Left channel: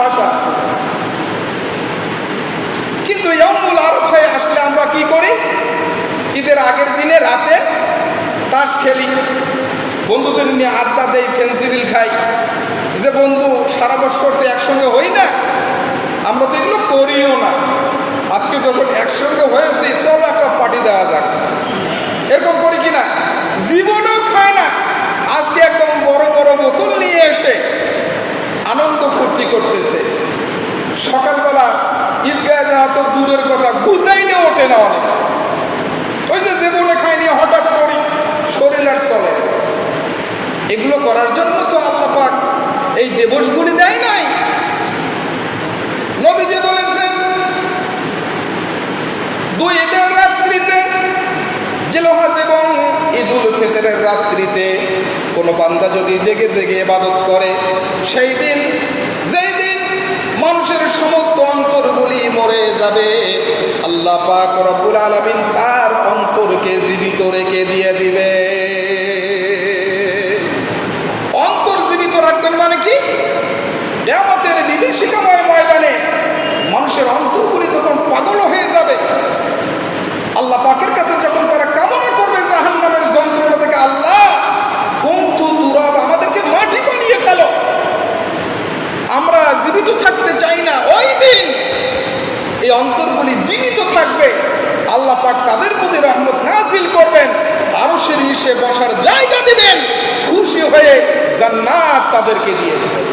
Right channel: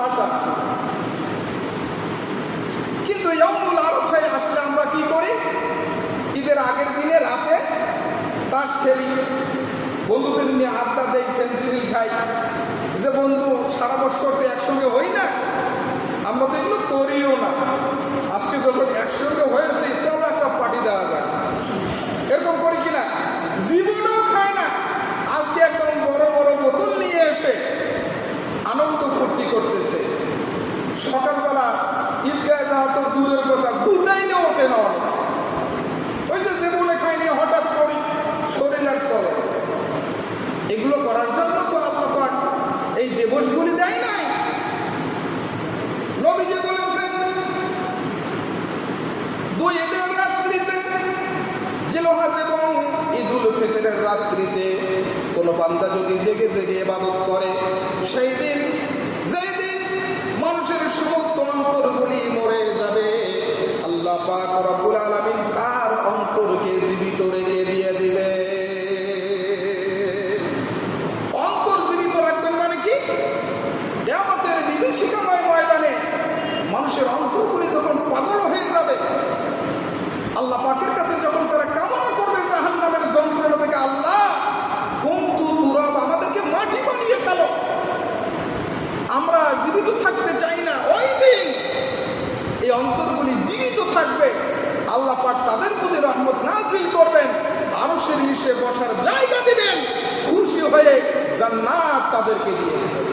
ভাষা। কিন্তু ইয়াউমুল আরাফায় আসলে আমরা কি করি? ঈদের আগের দিনে রাতে তাস খেলি, বন্ধুদের নিয়ে আড্ডা দেই, ফেন্সিডিল খাই। যে বন্ধু সারা বছর তো একসঙ্গে হই না, আমরা তো এগুলো করিও না। আজকে যখন একসঙ্গে হয়েছি, চলো একটা পার্টি দেওয়া যাক, এরকম করি কিনা? জীবনেও খায় না। আজকে একদম বড় বড় বোতল নিয়ে এসে আনন্দ ফুর্তি করতেছে। সকালবেলা ঈদগাহ যাওয়া তো দূরের কথা, গুতাইলে ওঠে না অনেক। ওই যে জীবনে খায়নি, হঠাৎ করি শরীর আর চলে। এগুলো করার জন্য তো আল্লাহ পাক এই দিবসগুলি দেয় নাই। নবীজি বলেছেন, দুই ঈদের রাত্রিতে, জিলহজ এবং ঈদুল ফিতরের রাত্রিতে কোনো বান্দা যদি জেগে জেগে ইবাদত করে, সেই দিন, যেই দিন মানুষের সমস্ত অন্তরগুলি মরে যাবে, আল্লাহ পাক রব্বুল আলামিন তার অন্তরকে জীবিত রেখে দিয়ে দিবে। অন্তর জীবিত রাখবেন মানে কি? কিয়ামতের বিভীষিকাময় ময়দানে মানুষের অন্তরগুলি যখন পাগল হয়ে যাবে, আল্লাহ পাকের কাছে যখন তারা কামনা করবে জাহান্নামের যন্ত্রণা থেকে, আল্লাহ কুনতু তুরাব, আমাদেরকে মাটি বানিয়ে ফেলো, আমরা জীবিত থাকতে চাই না, ওই দিন এই অন্তরগুলি জীবিত থাকবে। আল্লাহ পাক তাদের প্রতি রহমত নাজিল করবেন, আরশের নিচে বসার জায়গা দিবেন, খুশি হয়ে জান্নাত তাদেরকে দিয়ে দেবেন।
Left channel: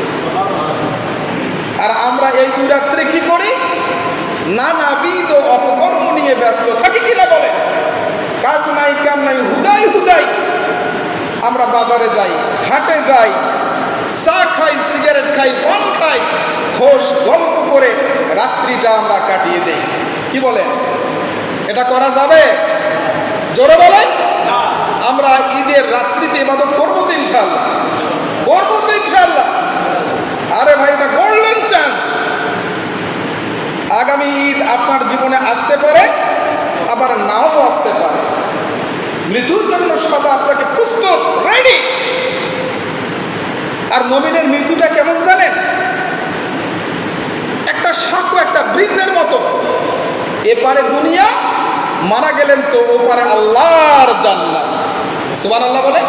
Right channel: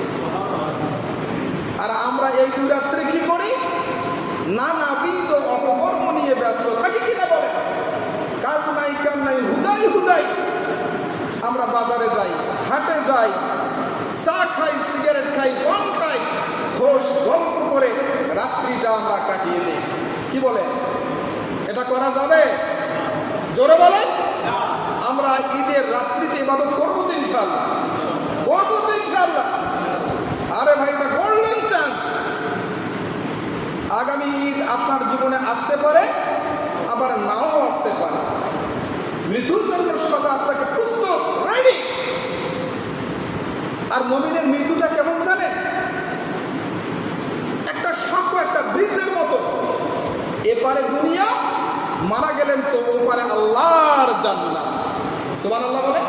আর আমরা এই দুই রাত্রে কি করি? নানাবিধ অপকর্ম নিয়ে ব্যস্ত থাকি কিনা বলে? কাজ নাই, কাম নাই, হুদাই হুদাই আমরা বাজারে যাই, হাটে যাই, চা খাই, সিগারেট খাই, পান খাই, খোশ গল্প করে রাত্রিটা আমরা কাটিয়ে দেই। কি বলেন? এটা করা যাবে? জোরে বলেন। আমরা ঈদের রাত্রিতে ইবাদত করবো তো ইনশাআল্লাহ? করবো তো ইনশাআল্লাহ? আরে ভাই, এটা গোল্ডেন চান্স। আগামী ঈদ আপনার জীবনে আসতে পারে, আবার নাও আসতে পারে। মৃত্যুর জন্য সদা আপনাকে প্রস্তুত, রেডি। আর মুমিনের মৃত্যুটা কেমন জানেন? একটা সাঁকো, একটা ব্রিজের মতো। এপারে দুনিয়া, মারা গেলেন তো ওপারে আল্লাহর জান্নাত। সুবহানাল্লাহ বলে।